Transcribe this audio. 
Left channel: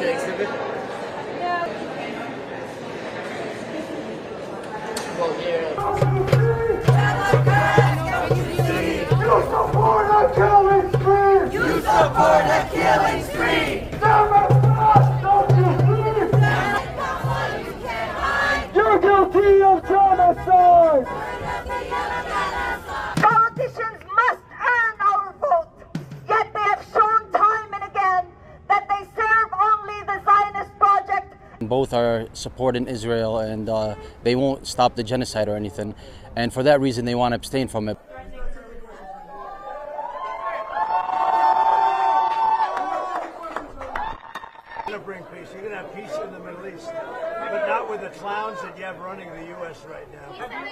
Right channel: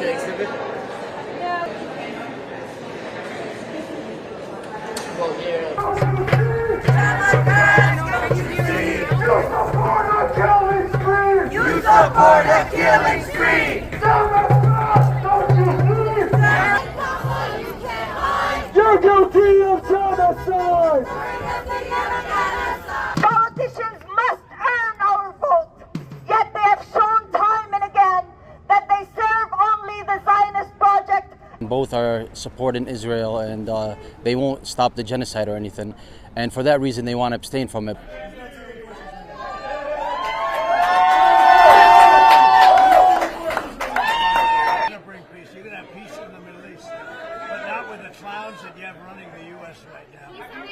to exhibit? Yeah. Well, yeah. You support a killing spree! You support a killing spree! Democrats, don't you see? You're guilty of genocide! Politicians must earn our vote, yet they have shown time and again that they serve only the Zionist project. Both are supporting Israel and they won't stop the genocide or anything. And for that reason, they want to abstain from it.